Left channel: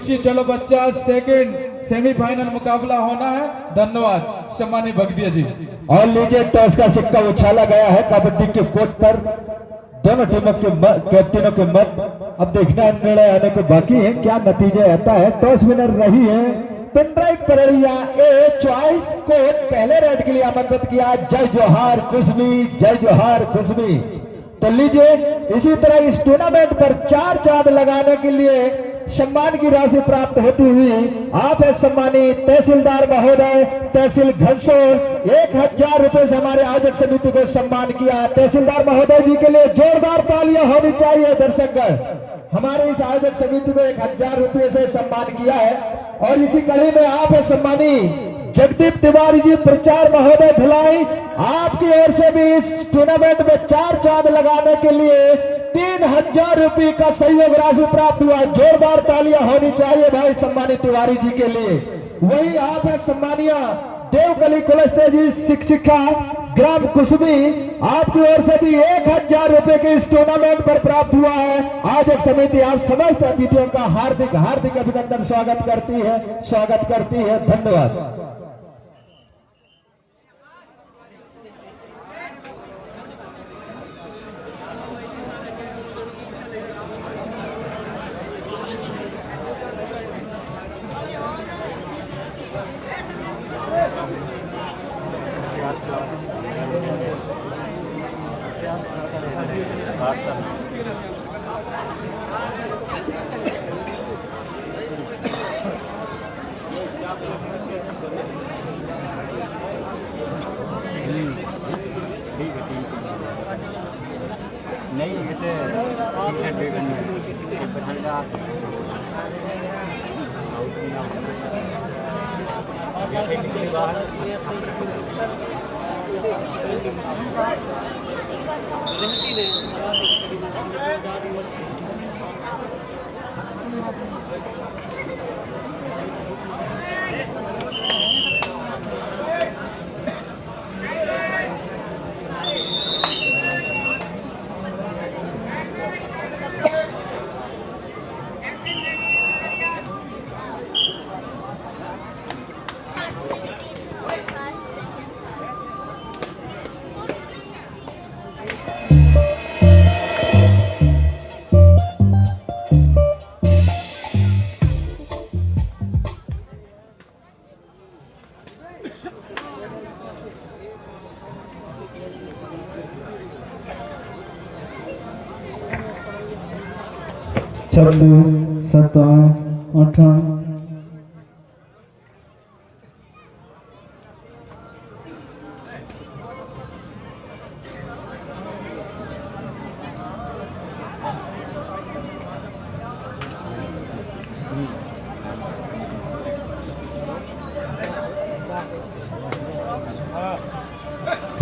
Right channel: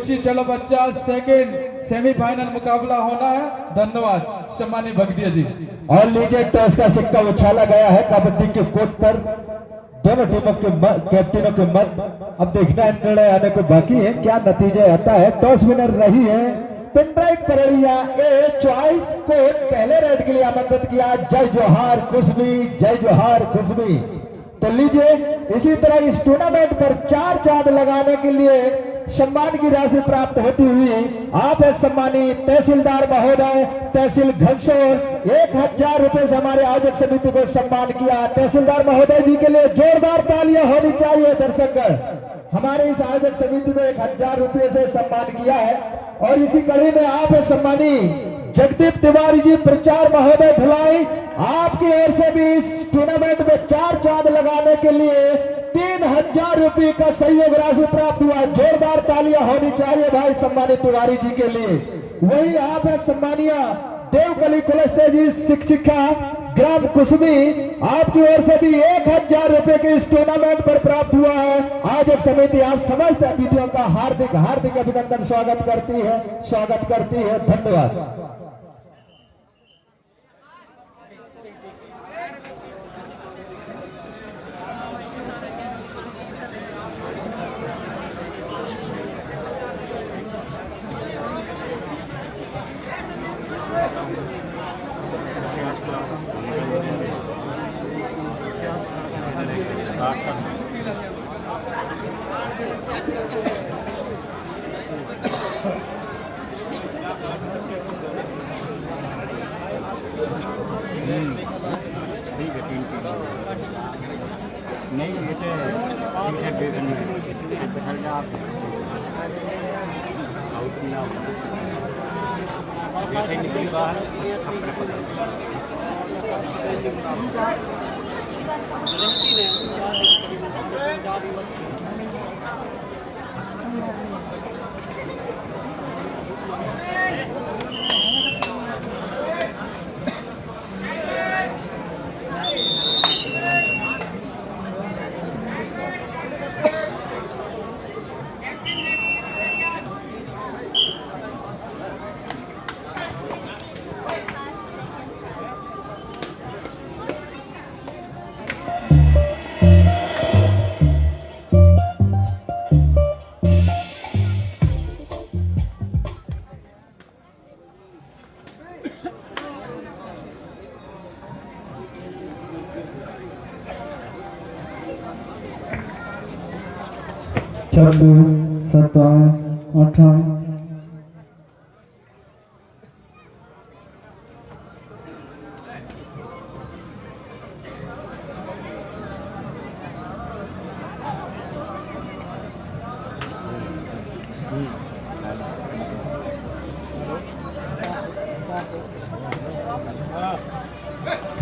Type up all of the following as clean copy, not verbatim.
रुचि। चलो बच्चा, second semifinal मुकाबला होना है। धन्यवाद सम्मानित भगदिया जी। और लीजिए, टॉस का सिक्का उछाला गया है कबड्डी के कोर्ट पर। दोनों टीमों के कैप्टनों के मत अब देखना है, निर्णय आने को बाकी है, क्या नतीजा आता है। टॉस विनर रही है पिनड्राइव परड़िया ए चॉइस कोर्ट। पहले रेड के लिए आमंत्रित किया जय जोहार खुशबी, जय जोहार खुशबी। तो लीजिए, इसी तरह इस टूर्नामेंट पर 4 चांद लगाने के लिए सम्मान की राशि प्राप्त होती हुई आप है सम्मानित तहसीलदार महोदय तहसील घनसोर। 1000 रुपए से हमारे आयोजक समिति को सम्मान किया। तहसीलदार महोदय जी के लिए जोरदार तालियां होनी चाहिए। दर्शकगण, हमारे इस आयोजक समिति को 1000 रुपए से सम्मान किया है। और इसी कड़ी में आप है सम्मानित जगदीप तिवारी जी प्रचार महोदय भिलाई, आपकी ओर से भी इस टूर्नामेंट में 4 चांद लगाने के लिए 3000 रुपए का सहयोग राशि प्राप्त हुआ। जोरदार तालियां होनी चाहिए भाई सम्मानित तिवारी जी के लिए। वही आप है सम्मानीय देवकली कुलस्ते जी शिक्षिका ग्राम कुसमी, आपकी ओर से भी 1000 रुपए के इस टूर्नामेंट पर प्राप्त हुआ है। आयोजक समिति आप समस्त अतिथियों का हार्दिक हार्दिक अभिनंदन स्वागत करती है। धन्यवाद। नहीं ये टी-शर्ट भी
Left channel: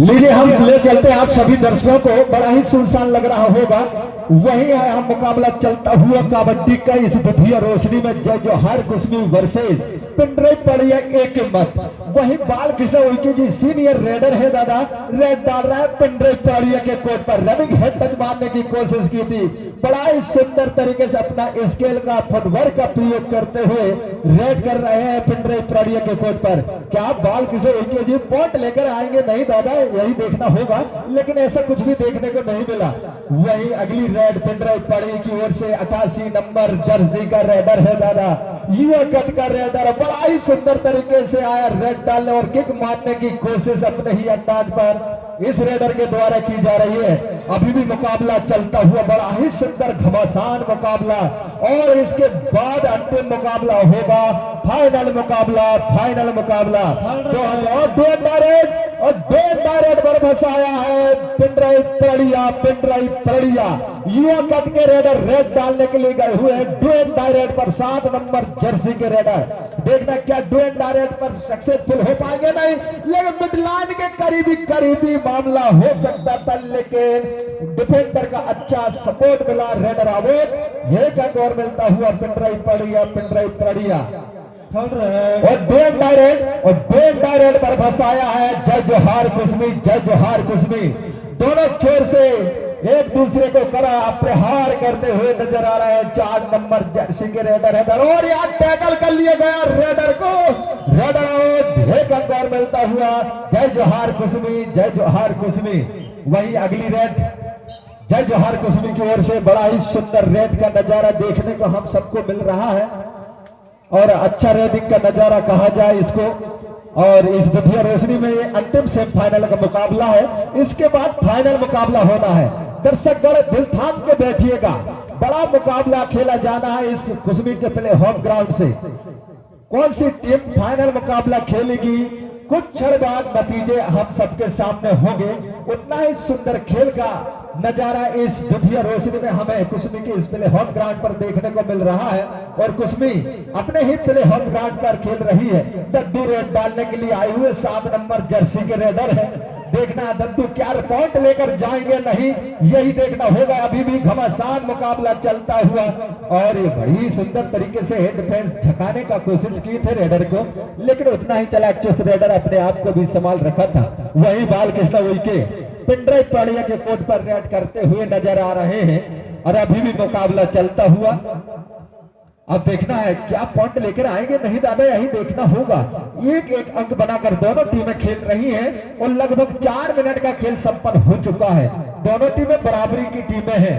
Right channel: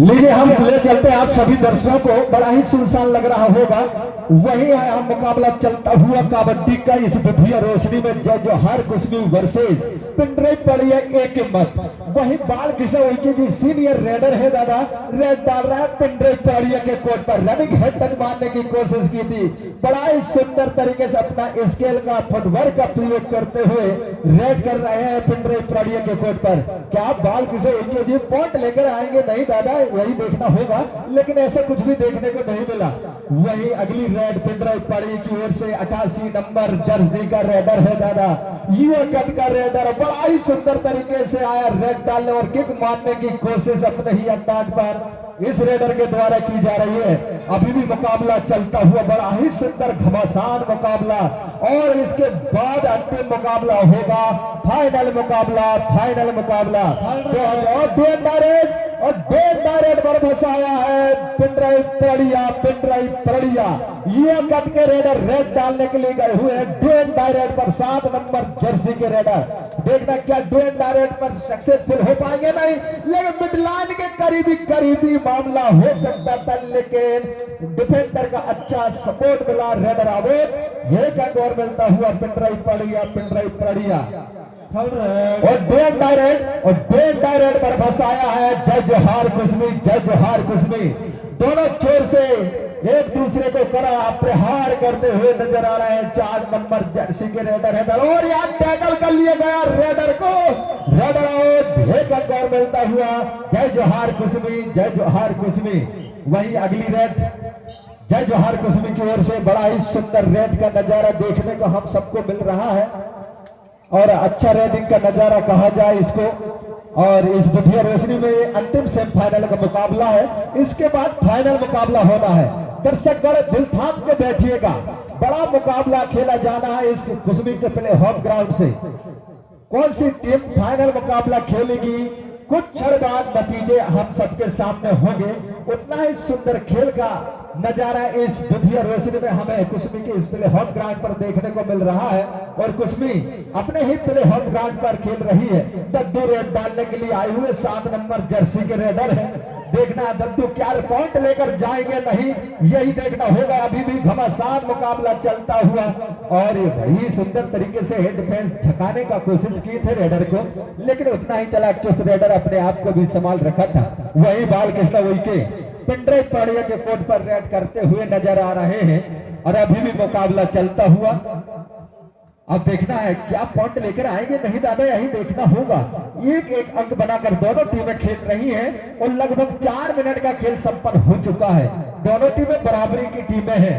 लीजिए, हम ले चलते हैं आप सभी दर्शकों को। बड़ा ही सुनसान लग रहा होगा। वही है हम मुकाबला चलता हुआ कबड्डी का इस दुधिया रोशनी में जय जोहार कुसमी वर्सेस पिनड्राइव परड़िया एक मत। वही बाल कृष्ण उइके जी सीनियर रेडर है दादा, रेड डाल रहा है पिनड्राइव परड़िया के कोर्ट पर। रनिंग हेड तक मारने की कोशिश की थी। बड़ा ही सुंदर तरीके से अपना स्केल का फुटवर्क का प्रयोग करते हुए रेड कर रहे हैं पिनड्राइव परड़िया के कोर्ट पर। क्या बाल कृष्ण उइके जी पॉइंट लेकर आएंगे? नहीं दादा, यही देखना होगा, लेकिन ऐसा कुछ भी देखने को नहीं मिला। वही अगली रेड पिनड्राइव परड़िया की ओर से 88 नंबर जर्सी का रेडर है दादा, युवा कट का रेडर। बड़ा ही सुंदर तरीके से आया रेड डालने और किक मारने की कोशिश अपने ही अंदाज पर इस रेडर के द्वारा की जा रही है। अभी भी मुकाबला चलता हुआ, बड़ा ही सुंदर घमासान मुकाबला। और इसके बाद अंतिम मुकाबला होगा, फाइनल मुकाबला। और डायरेक्ट पर फंसाया है पिनड्राइव परड़िया। युवा कट के रेडर रेड डालने के लिए गए हुए हैं डुएन डायरेक्ट पर 7 नंबर जर्सी के रेडर। देखना क्या डुएन डायरेक्ट पर सक्सेसफुल हो पाएंगे? नहीं, लेकिन मिडलाइन के करीबी मामला हो सकता था, लेकिन डिफेंडर का अच्छा सपोर्ट मिला। रेडर आवेद ये और मिलता हुआ पिनड्राइव परड़िया। और डुएन डायरेक्ट पर फंसाया है जय जोहार कुसमी। दोनों छोर से एक दूसरे को करा प्रहार करते हुए नजर आ रहे हैं। 4 नंबर जर्सी के रेडर है और यहाँ टैकल कर लिया गया रेडर को। रेडर एक अंक और मिलता हुआ। जय जोहार कुसमी, जय जोहार कुसमी। वही अगली रेड जय जोहार कुसमी की ओर से बड़ा ही सुंदर रेड का नजारा देखने को हम सबको मिल रहा है और अच्छा रेडिंग का नजारा कहा जाए इसको। और इस द्वितीय रोशनी में ये अंतिम सेमीफाइनल का मुकाबला है। इसके बाद फाइनल मुकाबला होना है। दर्शकगण दिल थाम के बैठिएगा, बड़ा मुकाबला खेला जाना है इस कुसमी के प्ले होम ग्राउंड से। कौन सी टीम फाइनल मुकाबला खेलेगी, कुछ क्षण बाद नतीजे हम सबके सामने होंगे। उतना ही सुंदर खेल का नजारा इस द्वितीय रोशनी में हमें कुसमी के इस प्ले होम ग्राउंड पर देखने को मिल रहा है। और कुसमी अपने ही प्ले होम ग्राउंड पर खेल रही है। दद्दू रेड डालने के लिए आए हुए 7 नंबर जर्सी के रेडर है। देखना दद्दू क्या पॉइंट लेकर जाएंगे, नहीं यही देखना होगा। अभी भी घमासान मुकाबला चलता हुआ और बड़ी सुंदर तरीके से डिफेंस झकाने का कोशिश की थे रेडर को, लेकिन उतना ही चालाक चुस्त रेडर अपने आप को भी संभाल रखा था। वही बालकृष्ण उइके पिंडरे पाड़िया के कोर्ट पर रेड करते हुए नजर आ रहे हैं और अभी भी मुकाबला चलता हुआ। अब देखना है क्या पॉइंट लेकर आएंगे, नहीं दादा यही देखना होगा। एक एक अंक बनाकर दोनों टीमें खेल रही हैं और लगभग 4 मिनट का खेल संपन्न हो चुका है। दोनों टीमें बराबरी की टीमें हैं।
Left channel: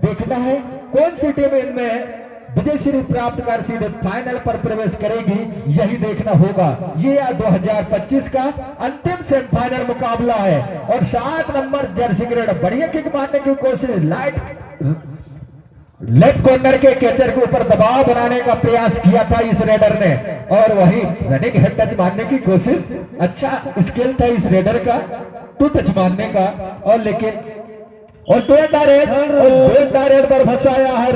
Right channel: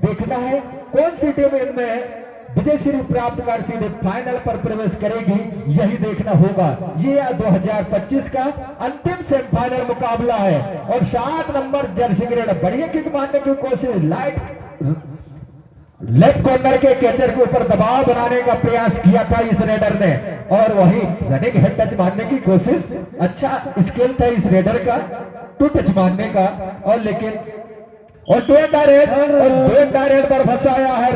देखना है कौन सी टीम इनमें विजय श्री प्राप्त कर सीधे फाइनल पर प्रवेश करेगी, यही देखना होगा। ये 2025 का अंतिम सेमीफाइनल मुकाबला है और 7 नंबर जर्सी ग्रेड बढ़िया किक मारने की कोशिश, लेफ्ट कॉर्नर के कैचर के ऊपर दबाव बनाने का प्रयास किया था इस रेडर ने और वही रनिंग हेड टच मारने की कोशिश। अच्छा स्किल था इस रेडर का टू टच मारने का और लेकिन और दो रेड पर फंसाया है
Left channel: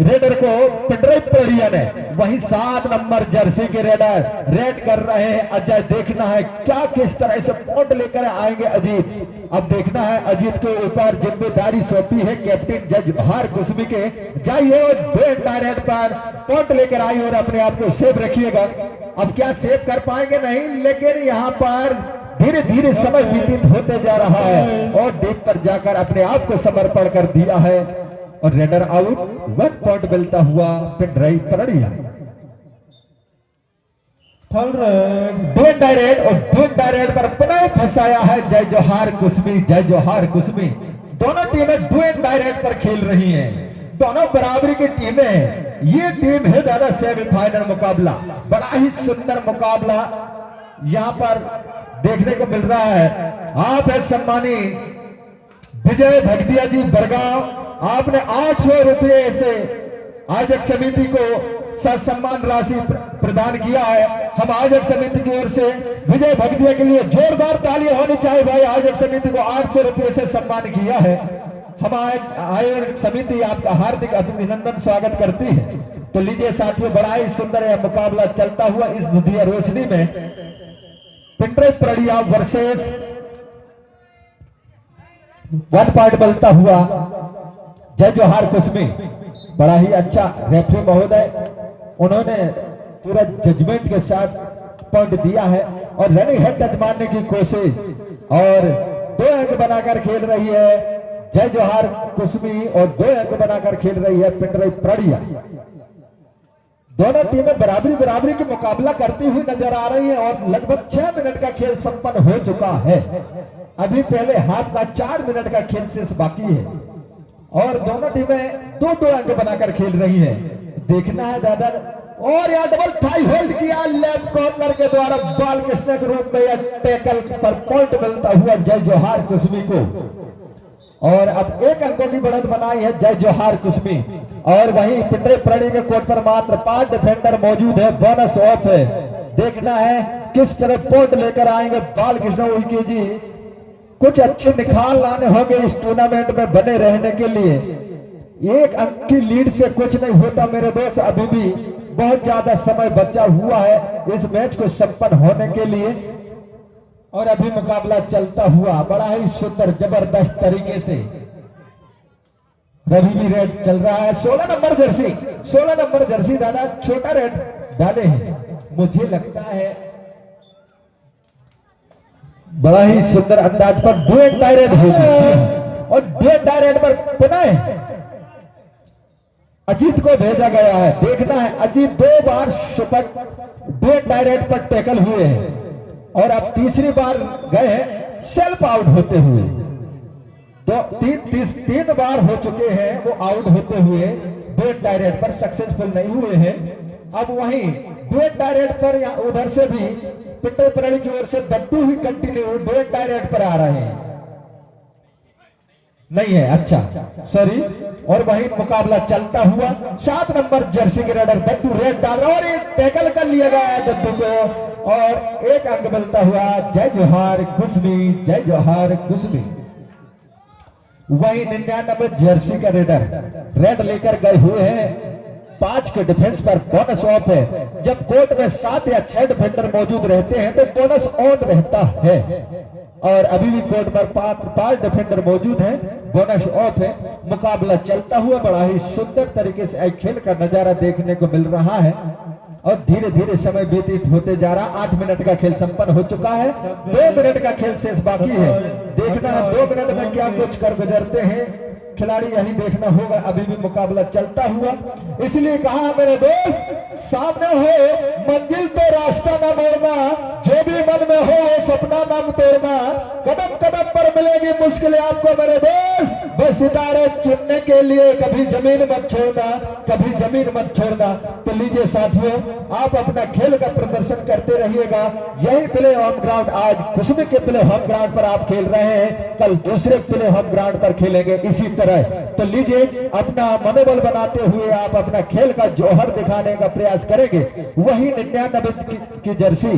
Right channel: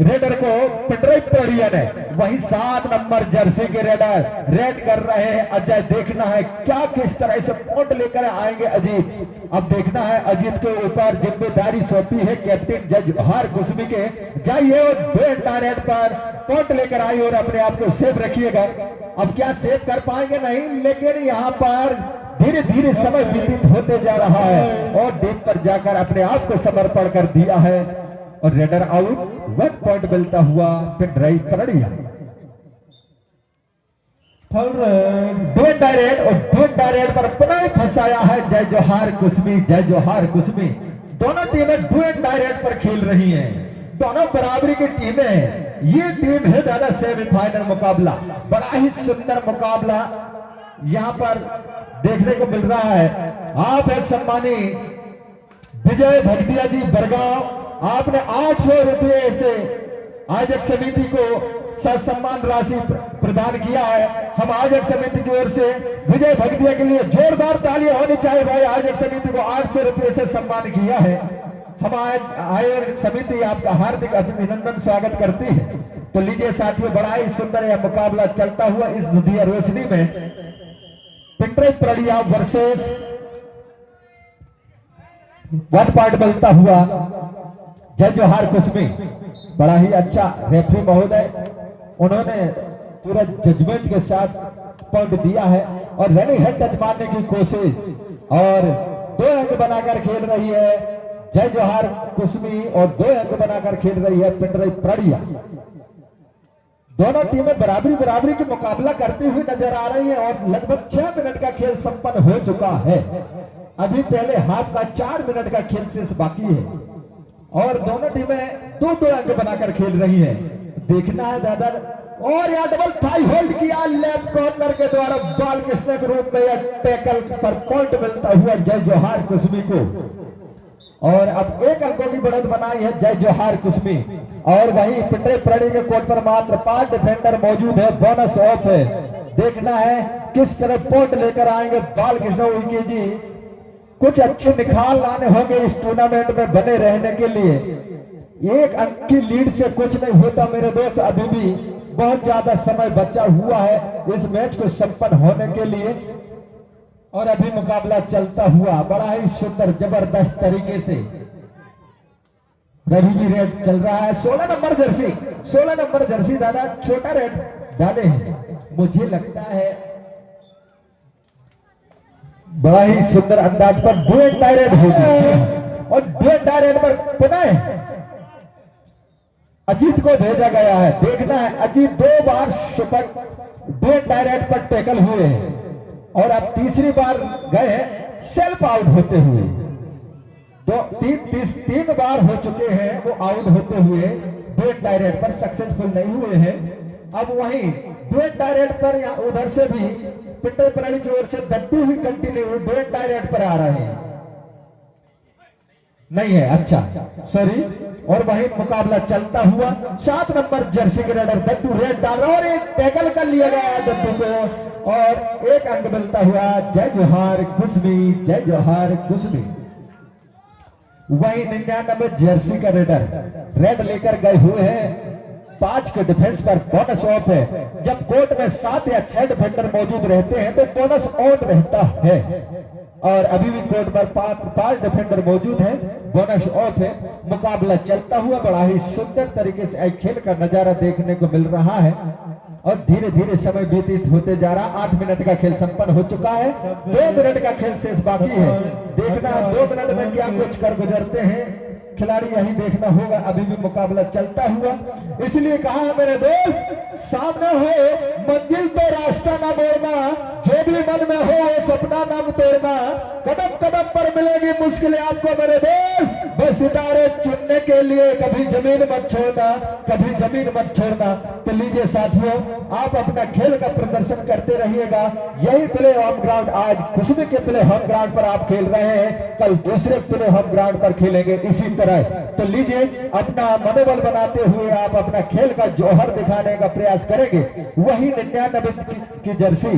रेडर को पिंडरे पोड़िया ने। वही 7 नंबर जर्सी के रेडर रेड कर रहे हैं। अजय देखना है क्या किस तरह से पॉइंट लेकर आएंगे अजीत। अब देखना है अजीत के ऊपर जिम्मेदारी सौंपी है कैप्टन जय जोहार कुसमी के। जाइए रेड पर पॉइंट लेकर आइए और अपने आप को सेफ रखिएगा। अब क्या सेव कर पाएंगे नहीं, लेकिन यहाँ पर धीरे धीरे समय व्यतीत होते जा रहा है और डीप पर जाकर अपने आप को समर्पण कर दिया है और रेडर आउट। 1 पॉइंट मिलता हुआ पिंडरे पाड़िया। डायरेक्ट पर पुनः फंसाया है जय जोहार कुसमी, जय जोहार कुसमी। दोनों टीमें डुएट डायरेक्ट पर खेल रही हैं, दोनों बराबरी की टीमें हैं। ये टीम है दादा सेमीफाइनल मुकाबला, बड़ा ही सुंदर मुकाबला यहाँ पर देखने को मिल रहा है। आप है सम्मानी विजय भगतिया जी बरगांव, आपने 800 रुपये से आयोजक समिति को सम्मान राशि प्रदान किया है। हम आयोजक समिति की ओर से विजय भगतिया के लिए जोरदार तालियां होनी चाहिए भाई। आयोजक समिति को 800 रुपये से सम्मान किया है। हम आज आयोजक समिति आपका हार्दिक अभिनंदन स्वागत करती है। तो लीजिए साथियों, बड़ा ही सुंदर यह मुकाबला चलता हुआ इस द्वितीय रोशनी में पिंडरे पाड़िया वर्सेस 1 पॉइंट मिलता हुआ जय जोहार कुसमी। बड़ा ही अच्छा रेफरी महोदय, उन्होंने पूरा जजमेंट के साथ पॉइंट दिया है और रनिंग हेड टच मारने की कोशिश और 2 अंक बनाकर खेल रही है जय जोहार कुसमी और 2 अंक बनाकर खेल रही है पिंडरे पाड़िया। दोनों टीमें बराबरी के मुकाबला करती हुई नजर आ रही है और लगभग 6 मिनट का खेल संपन्न हो चुका है। अभी पहले हाफ का 4 मिनट का खेल शेष बाकी है और दोनों टीमें 2-2 अंक बनाकर खेल रही है। देखना है दादा, और यहाँ डबल थाई होल्ड किया लेफ्ट कॉर्नर के द्वारा बालकृष्ण के रूप में टैकल पर पॉइंट मिलता हुआ जय जोहार कुसमी को। और अब 1 अंकों की बढ़त बनाई है जय जोहार कुसमी और वही पिंडरे पाड़िया के कोर्ट पर मात्र 5 डिफेंडर मौजूद है। बोनस ऑफ है, देखना है किस तरह पॉइंट लेकर आएंगे बालकृष्ण उइके जी। कुछ अच्छे निखार लाने होंगे इस टूर्नामेंट में बने रहने के लिए। 1 अंक की लीड से कुछ नहीं होता मेरे दोस्त, अभी भी बहुत ज्यादा समय बचा हुआ है इस मैच को संपन्न होने के लिए और अभी मुकाबला चलता हुआ बड़ा ही सुंदर जबरदस्त तरीके से रवि भी रेड चल रहा है। 16 नंबर जर्सी दादा छोटा रेड डाले हैं, मुझे लगता है बड़ा ही सुंदर अंदाज पर डुएट डायरेक्ट होगी अजीत को भेजा गया है। देखना है अजीत 2 बार सुपर 2 डायरेक्ट पर टैकल हुए हैं और अब तीसरी बार गए हैं सेल्फ आउट होते हुए। तो तीन बार हो चुके हैं वो आउट होते हुए, 2 डायरेक्ट पर सक्सेसफुल नहीं हुए हैं। अब वहीं 2 डायरेक्ट पर या उधर से भी पिट्टू प्रणीत की ओर से दद्दू ही कंटिन्यू 2 डायरेक्ट पर आ रहे हैं, नहीं है, अच्छा सॉरी। और वही मुकाबला चलता हुआ 7 नंबर जर्सी के रेडर दद्दू रेड डाल और एक टैकल कर लिया गया है दद्दू को और एक अंक मिलता हुआ। जय जोहार कुसमी, जय जोहार कुसमी। वही 99 जर्सी का रेडर रेड लेकर गए हुए हैं। 5 के डिफेंस पर बोनस ऑफ है। जब कोर्ट में 7 या 6 डिफेंडर मौजूद रहते हैं तो बोनस ऑन रहता है और अभी भी कोर्ट पर 5 डिफेंडर मौजूद हैं, बोनस ऑफ है। मुकाबला चलता हुआ बड़ा ही सुंदर तरीके से खेल का नजारा देखने को मिल रहा है और धीरे धीरे समय व्यतीत होते जा रहा। 8 मिनट का खेल संपन्न हो चुका है, 2 मिनट का खेल शेष बाकी है। देखना 2 मिनट में क्या कुछ कर गुजरते हैं खिलाड़ी, यही देखना होगा। अभी भी मुकाबला चलता हुआ, इसलिए कहा मेरे दोस्त सामने हो मंजिल तो रास्ता न मोड़ना, जो भी मन में हो सपना न तोड़ना, कदम कदम पर मिलेगी मुश्किलें आपको मेरे दोस्त, बस सितारे चुनने के लिए कभी जमीन मत छोड़ना, कभी जमीन मत छोड़ना। तो लीजिए साथियों, आप अपना खेल का प्रदर्शन करते रहिएगा। यही प्ले होम ग्राउंड आज कुसमी के प्ले होम ग्राउंड पर आप खेल रहे हैं, कल दूसरे प्ले होम ग्राउंड पर खेलेंगे इसी तरह। तो लीजिए अपना मनोबल बनाते हुए आप अपना खेल का जौहर दिखाने का प्रयास करेंगे। वही 99 की जर्सी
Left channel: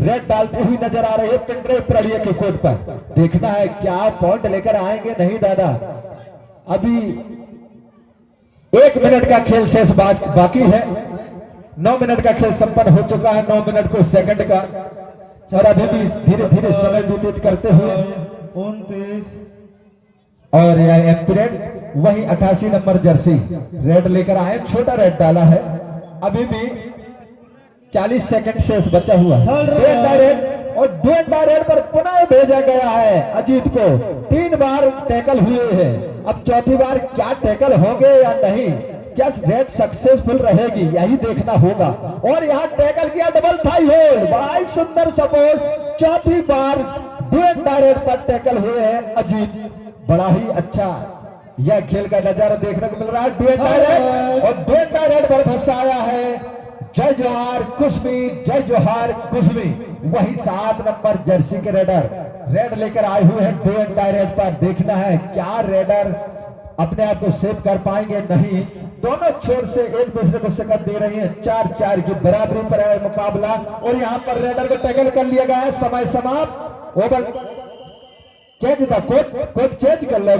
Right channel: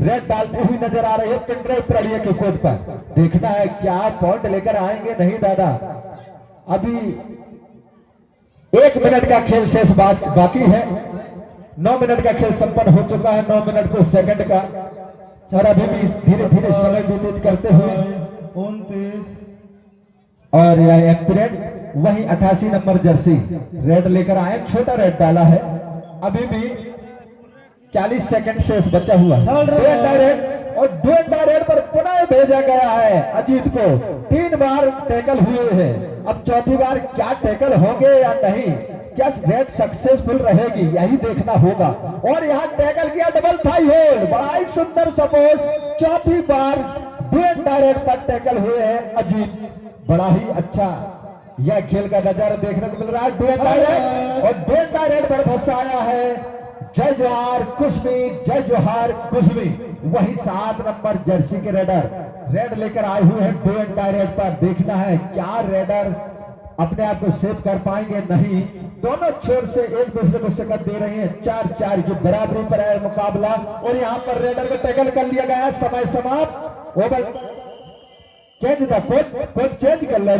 रेड डालती हुई नजर आ रही है पिंडरे प्रलिया के कोर्ट पर। देखना है क्या पॉइंट लेकर आएंगे, नहीं दादा अभी 1 मिनट का खेल शेष बाकी है। 9 मिनट का खेल संपन्न हो चुका है, 9 मिनट को सेकंड का, और अभी भी धीरे धीरे समय व्यतीत करते हुए 29 और यह एम्पिरेट वही 88 नंबर जर्सी रेड लेकर आए, छोटा रेड डाला है। अभी भी 40 सेकंड शेष बचा हुआ है। और 2 डायरेक्ट पर पुनः भेजा गया है अजीत को। 3 बार टैकल हुए हैं, अब चौथी बार क्या टैकल होंगे या नहीं, क्या रेड सक्सेसफुल रहेगी, यही देखना होगा। और यहाँ टैकल किया डबल थाई होल्ड, बड़ा ही सुंदर सपोर्ट। चौथी बार 2 डायरेक्ट पर टैकल हुए हैं अजीत, बड़ा ही अच्छा यह खेल का नजारा देखने को मिल रहा है। 2 डायरेक्ट और 2 डायरेक्ट पर फंसाया है। जय जोहार कुसमी, जय जोहार कुसमी। वही 7 नंबर जर्सी के रेडर रेड लेकर आए हुए हैं 2 डायरेक्ट पर। देखना है क्या रेडर अपने आप को सेव कर पाएंगे, नहीं। दोनों छोर से एक दूसरे को शिकस्त दे रही है। 4-4 की बराबरी पर है मुकाबला और यहाँ पर रेडर को टैकल कर लिया गया है। समय समाप्त, over change the code change कर ले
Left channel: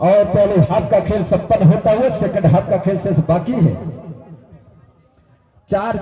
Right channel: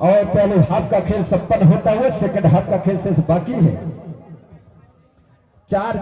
और पहले हाफ का खेल संपन्न होता हुआ सेकंड हाफ का खेल शेष बाकी है। 4